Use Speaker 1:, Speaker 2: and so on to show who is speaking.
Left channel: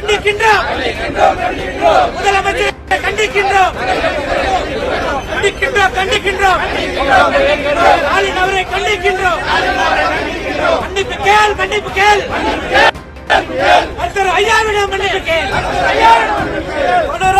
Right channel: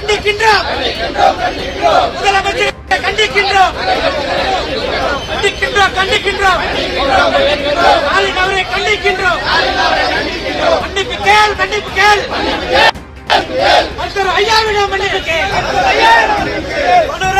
Speaker 1: கண்டிக்கின்றோம் முதலமைச்சர் கண்டிக்கின்றோம் கண்டிக்கின்றோம் கண்டிக்கின்றோம் ஸ்டாலின் அவரை கண்டிக்கின்றோம் மன்னிப்பு கேள் மன்னிப்பு கேள் மன்னிப்பு கேள் ஐயாவிடம் மன்னிப்பு கேள் மன்னிப்பு கேள்